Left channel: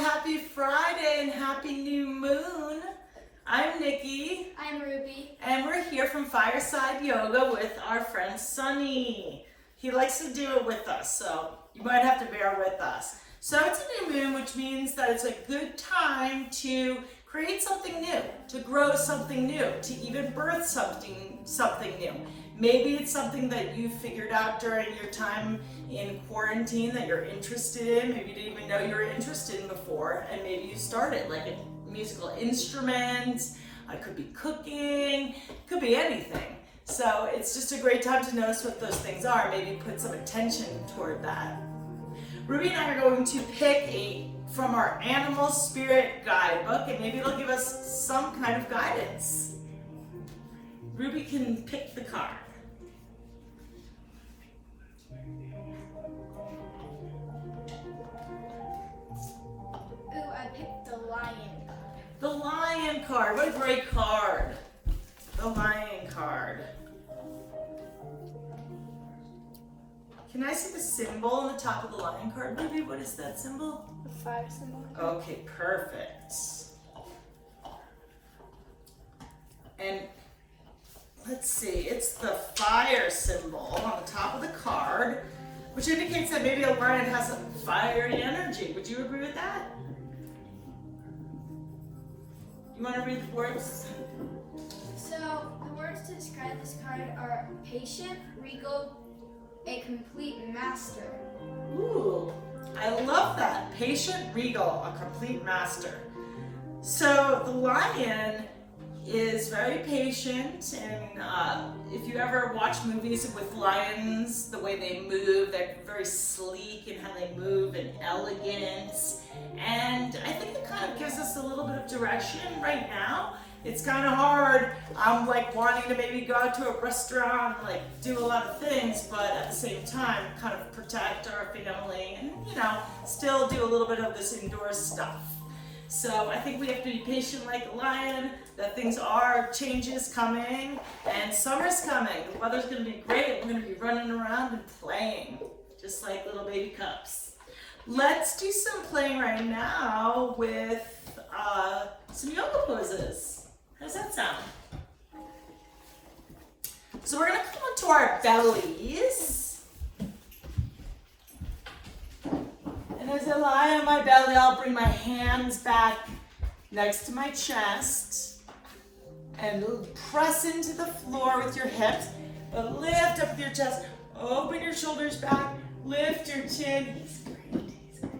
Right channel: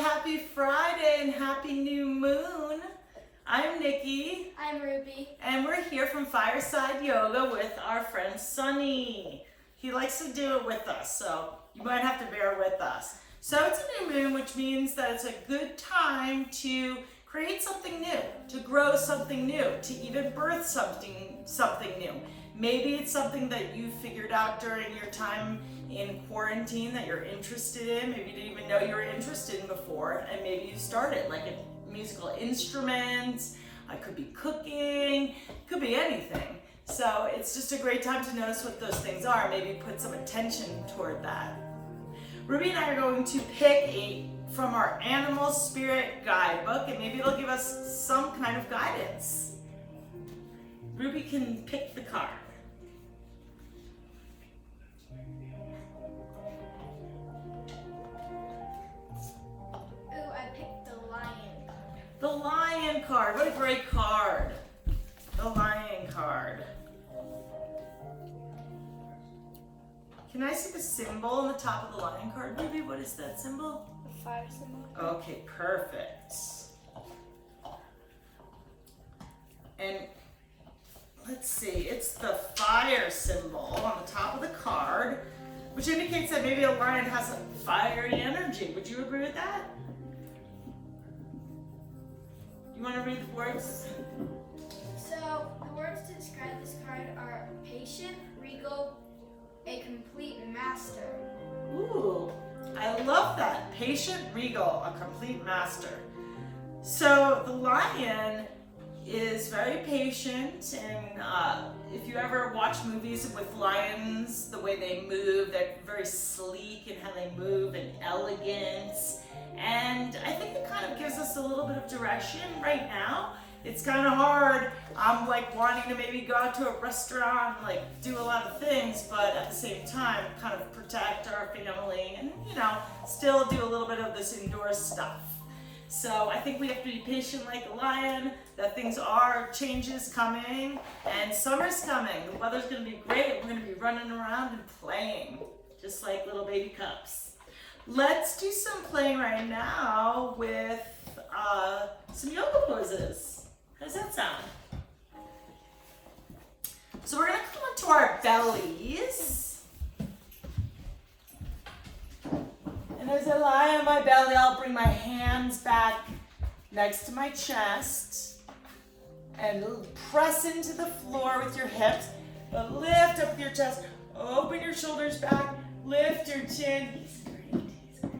happy Friday and happy new moon. I'm Nikki. I'm Ruby. And we're here from Fireside Yoga with our friend Sunny. He likes to do it with us, so you might have to bear with us. So it's a new moon, which means that it's a good time to create something new, to grow something new, to even birth something new. Maybe it's something that you figured out during your time in quarantine that you're interested in. Maybe you didn't even know you were interested in before, and maybe you started, like a musical instrument. It could be cooking, it could be anything. So it's just a great time to notice what those things are. Maybe put some attention toward that. Ruby and I are going to pick from our Animal Spirit Guidebook, and maybe it'll give us some kind of guidance. Ruby can pick the card. Ooh, I picked the lion. The Lion card. What a great card. The Lion card. Can I see the symbol on the top of the Lion card, Ruby? What is that symbol? The fire symbol. Okay, perfect. And let's see, it's the fire symbol on the top of the card, which indicates that maybe a lion has some fiery energy. Would you agree with that? You want to read the words? So, the words to describe this card are patient, regal, a complete master. Ooh, I love that. Patient, regal, a complete master. So the lion is very patient, and if you ever watch movies with lions, the way they move, they're very sleek in how they move and elegant. And I think it kind of gives us a little bit of direction right now. It's kind of hard. I'm like wanting to maybe go out to a restaurant, like do a lot of things, but at the same time, kind of protect our family and, still do a little bit of this indoor stuff. So I think we have to be patient like a lion, that things are changes coming, and summer's coming. The weather's gonna be great. We're gonna be running around and playing, just like little baby cubs. Let's do some playing right now with some yoga poses. How does that sound? So we're gonna come onto our bellies. And as I lie on my belly, I'll bring my hands back next to my chest and press into the floor with your hips. Lift up your chest, open your shoulders back, lift your chin. He's great, he's great.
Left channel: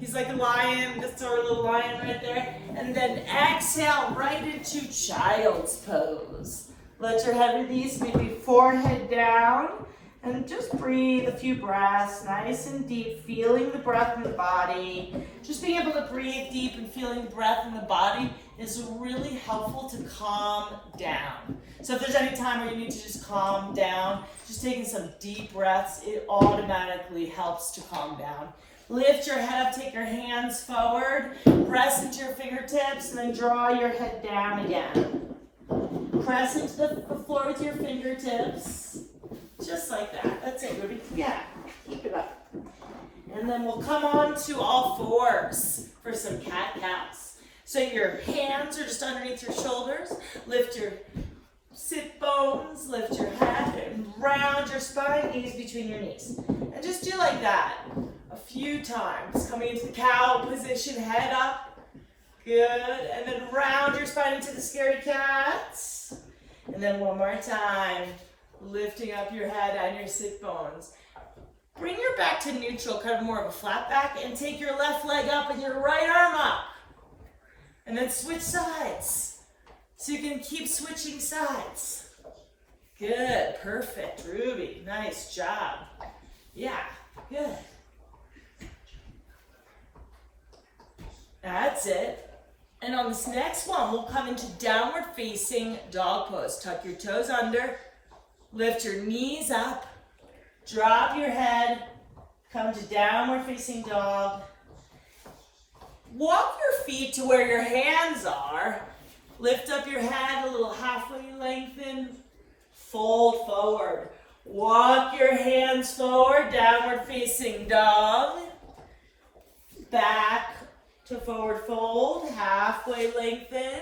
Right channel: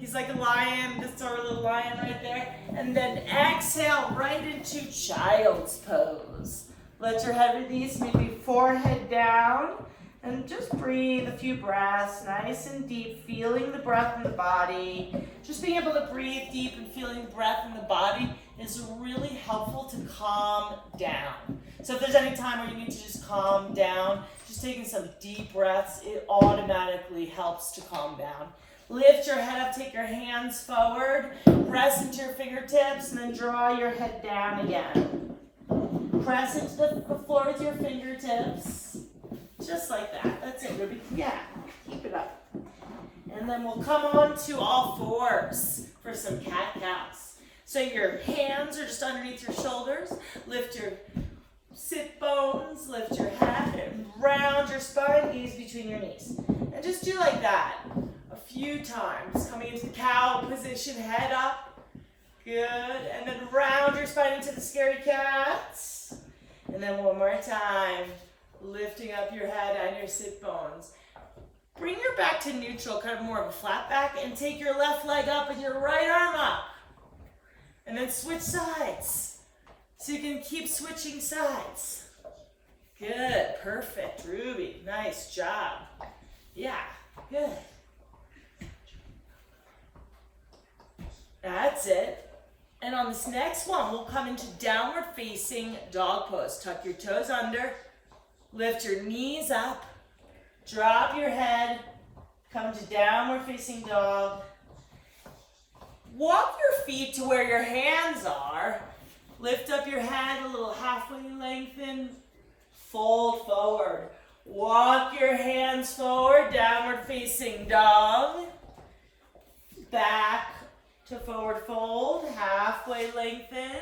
He's like a lion, that's our little lion right there. And then exhale right into child's pose. Let your head release, maybe forehead down. And just breathe a few breaths, nice and deep, feeling the breath in the body. Just being able to breathe deep and feeling the breath in the body is really helpful to calm down. So if there's any time where you need to just calm down, just taking some deep breaths, it automatically helps to calm down. Lift your head up, take your hands forward, press into your fingertips, and then draw your head down again. Press into the floor with your fingertips. Just like that. That's it, Ruby. Yeah, keep it up. And then we'll come on to all fours for some cat-cows. So your hands are just underneath your shoulders. Lift your sit bones, lift your head, and round your spine, knees between your knees. And just do like that a few times. Coming into the cow position, head up. Good. And then round your spine into the scary cats. And then one more time. Lifting up your head and your sit bones. Bring your back to neutral, kind of more of a flat back, and take your left leg up and your right arm up. And then switch sides. So you can keep switching sides. Good, perfect, Ruby. Nice job. Yeah, good. That's it. And on this next one, we'll come into downward facing dog pose. Tuck your toes under. Lift your knees up, drop your head, come to downward facing dog. Walk your feet to where your hands are. Lift up your head a little halfway lengthen. Fold forward. Walk your hands forward, downward facing dog. Back to forward fold, halfway lengthen,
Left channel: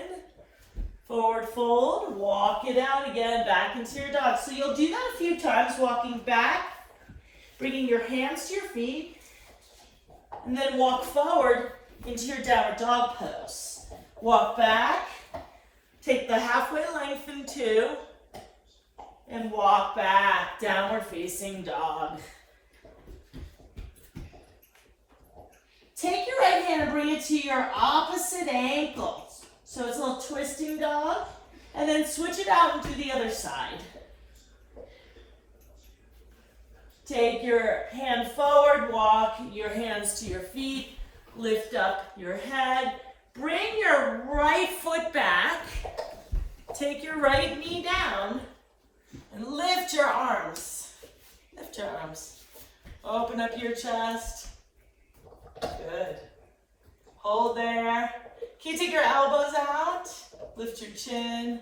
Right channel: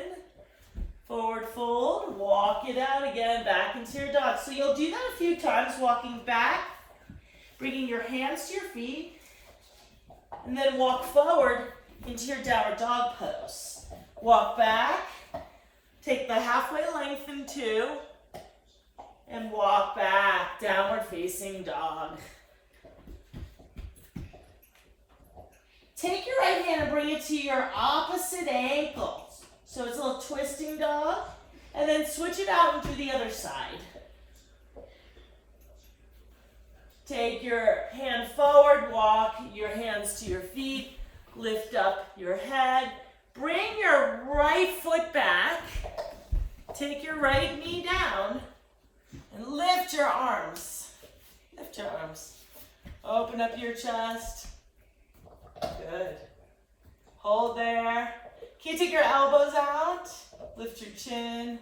forward fold, walk it out again, back into your dog. So you'll do that a few times, walking back, bringing your hands to your feet, and then walk forward into your downward dog pose. Walk back, take the halfway lengthen two, and walk back, downward facing dog. Take your right hand and bring it to your opposite ankles. So it's a little twisting dog, and then switch it out into the other side. Take your hand forward, walk your hands to your feet, lift up your head. Bring your right foot back, take your right knee down, and lift your arms. Lift your arms. Open up your chest. Good. Hold there. Can you take your elbows out? Lift your chin.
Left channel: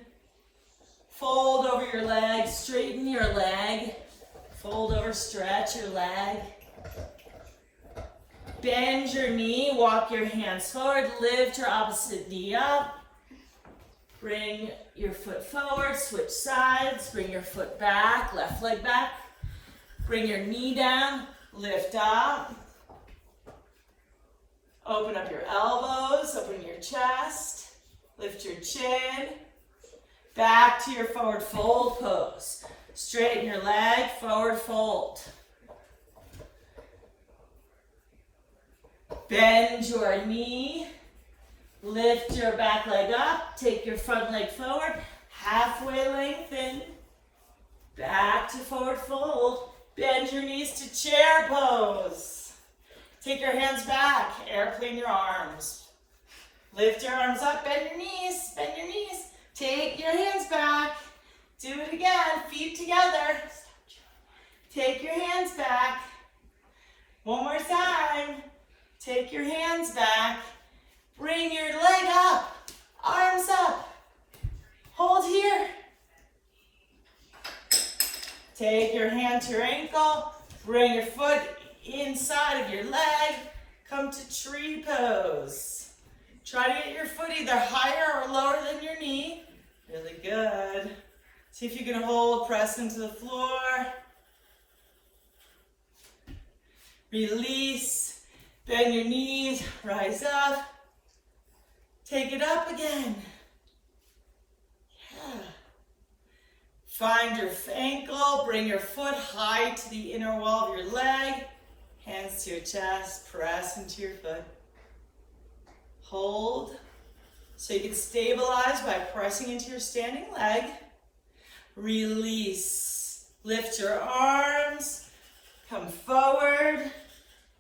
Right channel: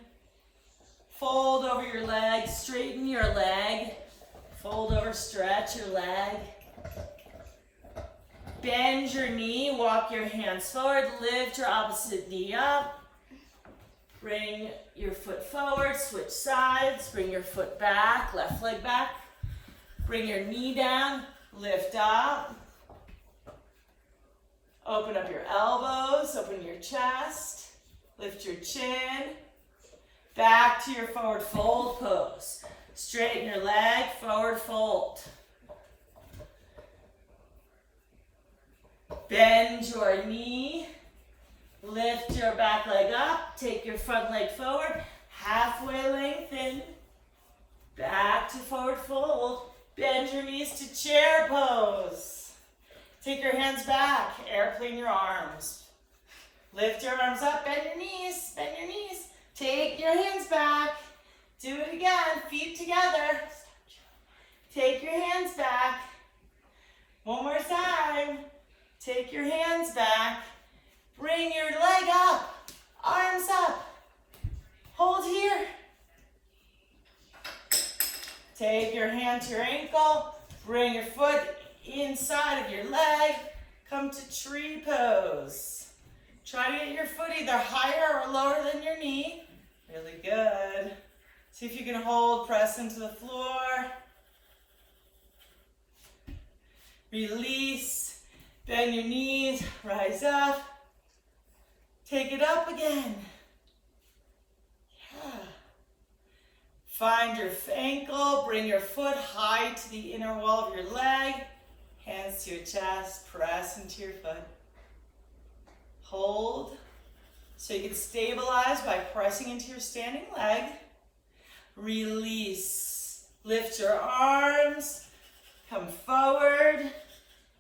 Fold over your leg, straighten your leg. Fold over, stretch your leg. Bend your knee, walk your hands forward, lift your opposite knee up. Bring your foot forward, switch sides, bring your foot back, left leg back. Bring your knee down, lift up. Open up your elbows, open your chest, lift your chin. Back to your forward fold pose. Straighten your leg, forward fold. Bend your knee, lift your back leg up, take your front leg forward, halfway lengthen, back to forward fold. Bend your knees to chair pose. Take your hands back, airplane your arms. Lift your arms up, bend your knees, bend your knees. Take your hands back, do it again, feet together. Take your hands back. One more time. Take your hands back. Bring your leg up, arms up. Hold here. Take your hand to your ankle. Bring your foot inside of your leg. Come to tree pose. Try to get your foot either higher or lower than your knee. Really good. See if you can hold, press into the floor. Release, bend your knees, rise up. Take it up again. Yeah. Find your ankle, bring your foot high to the inner wall of your leg. Hands to your chest, press into your foot. Hold. So you can stabilize by pressing into your standing leg. Release. Lift your arms. Come forward.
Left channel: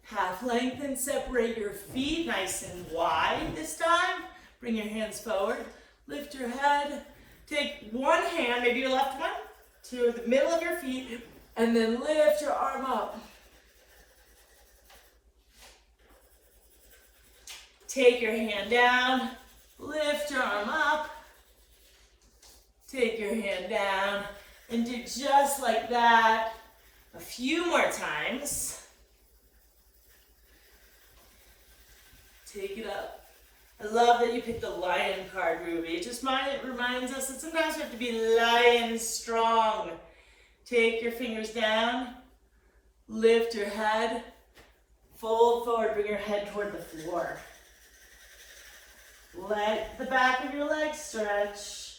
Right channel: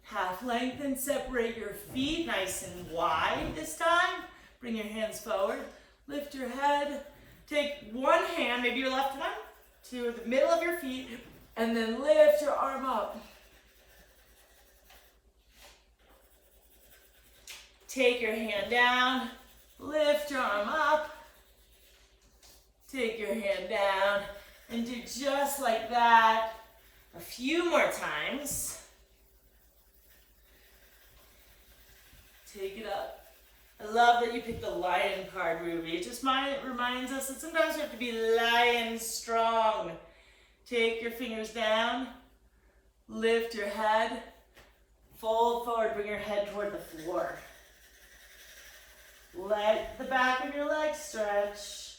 Half lengthen. Separate your feet nice and wide this time. Bring your hands forward. Lift your head. Take one hand, maybe your left one, to the middle of your feet, and then lift your arm up. Take your hand down. Lift your arm up. Take your hand down and do just like that a few more times. Take it up. I love that you picked the lion card, Ruby. It just reminds us that sometimes we have to be lion strong. Take your fingers down. Lift your head. Fold forward. Bring your head toward the floor. Let the back of your leg stretch.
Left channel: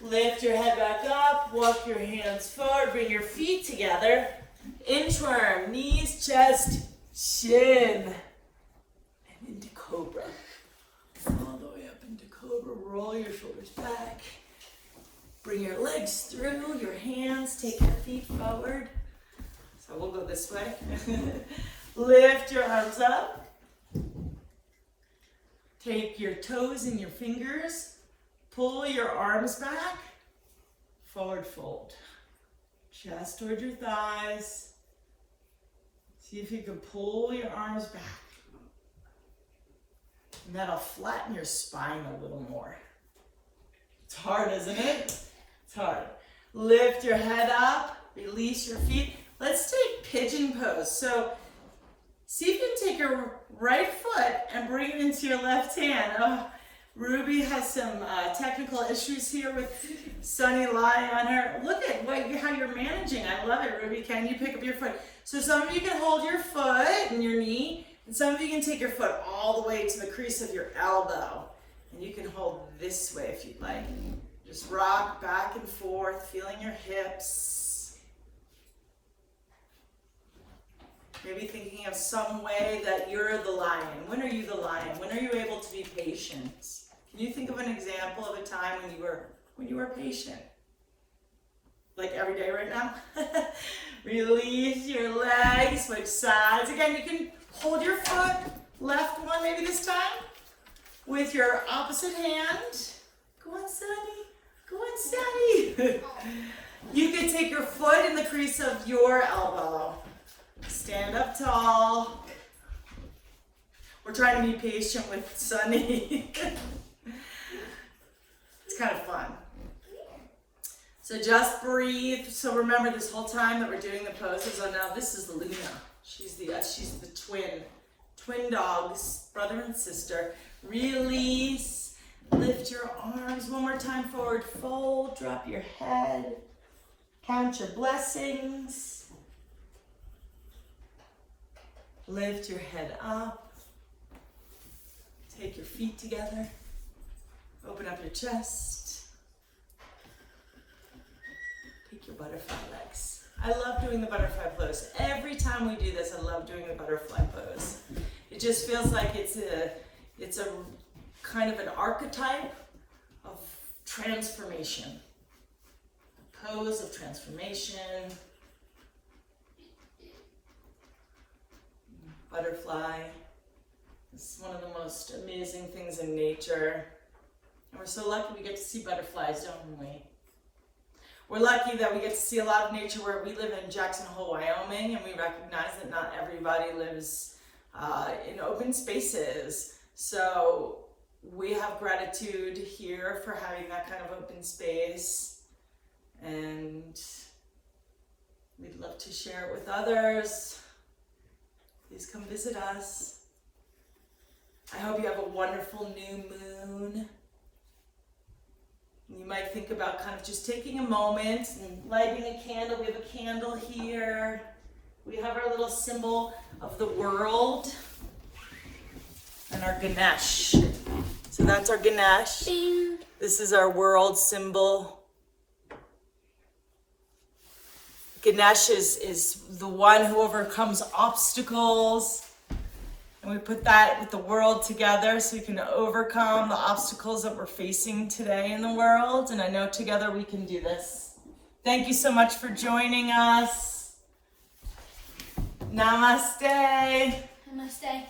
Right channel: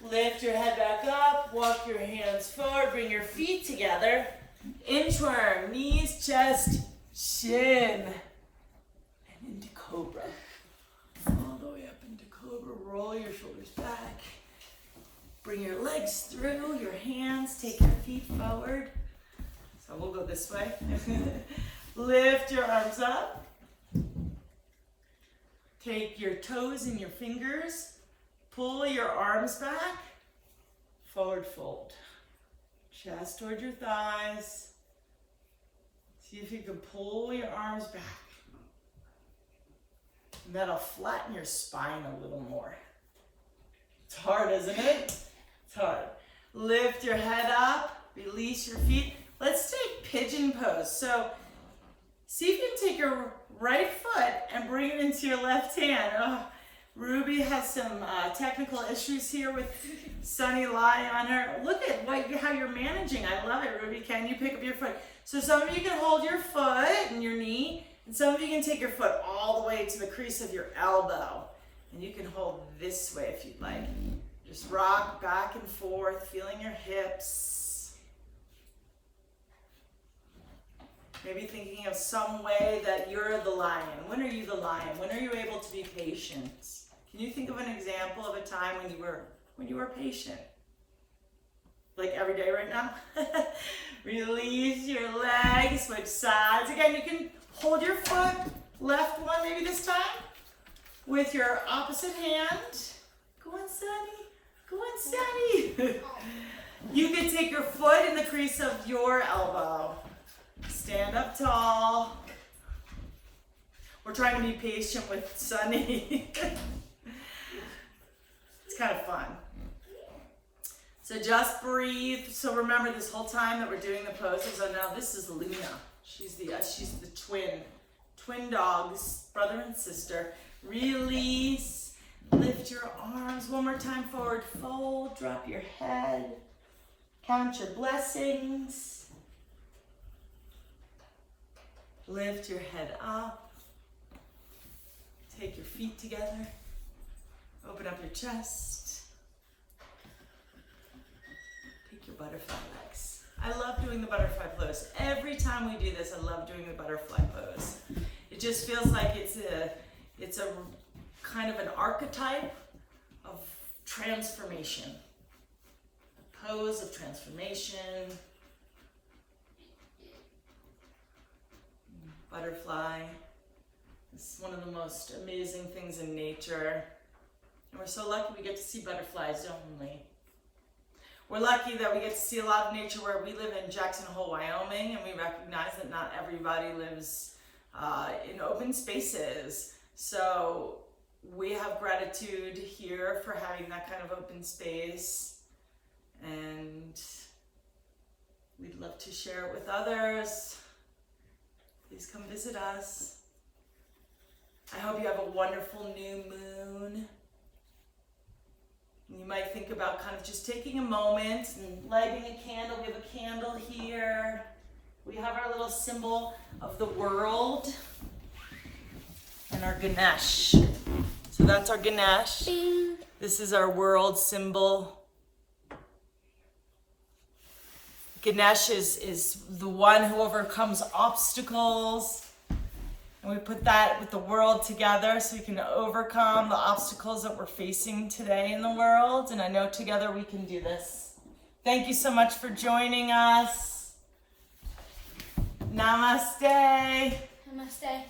Lift your head back up. Walk your hands forward. Bring your feet together. Inchworm. Knees, chest, chin. And into cobra. All the way up into cobra. Roll your shoulders back. Bring your legs through. Your hands. Take your feet forward. So we'll go this way. Lift your arms up. Take your toes and your fingers, pull your arms back, forward fold. Chest toward your thighs. See if you can pull your arms back. And that'll flatten your spine a little more. It's hard, isn't it? It's hard. Lift your head up, release your feet. Let's take pigeon pose. So See if you can take your right foot and bring it into your left hand. Oh, Ruby has some technical issues here with Sunny lying on her. Look at how you're managing. I love it, Ruby. Can you pick up your foot? So some of you can hold your foot and your knee, and some of you can take your foot all the way to the crease of your elbow. And you can hold this way if you'd like. Just rock back and forth, feeling your hips. Maybe thinking of some way that you're the lion. When are you the lion? When are you able to be patient? Can you think of an example of a time when you were patient? Like every day right now? Release your legs, switch sides. Again, you can hold your foot, left one maybe this time, with your opposite hand. Go on, Sunny. Go on, Sunny. You can take your foot in the crease of your elbow. Stand up tall. We're trying to be patient with Sunny. It's kind of fun. So just breathe. So remember this whole time that we're doing the poses. Oh, now this is Luna. She's the twin dogs, brother and sister. Release. Lift your arms one more time forward. Fold. Drop your head. Count your blessings. Lift your head up. Take your feet together. Open up your chest. Take your butterfly legs. I love doing the butterfly pose. Every time we do this, I love doing the butterfly pose. It just feels like it's a kind of an archetype of transformation. A pose of transformation. Butterfly is one of the most amazing things in nature. And we're so lucky we get to see butterflies, don't we? We're lucky that we get to see a lot of nature where we live in Jackson Hole, Wyoming, and we recognize that not everybody lives in open spaces. So we have gratitude here for having that kind of open space, and we'd love to share it with others. Please come visit us. I hope you have a wonderful new moon. You might think about kind of just taking a moment and lighting a candle. We have a candle here. We have our little symbol of the world and our Ganesh. So that's our Ganesh. Bing. This is our world symbol. Ganesh is the one who overcomes obstacles. And we put that with the world together so we can overcome the obstacles that we're facing today in the world. And I know together we can do this. Thank you so much for joining us. Namaste. Namaste.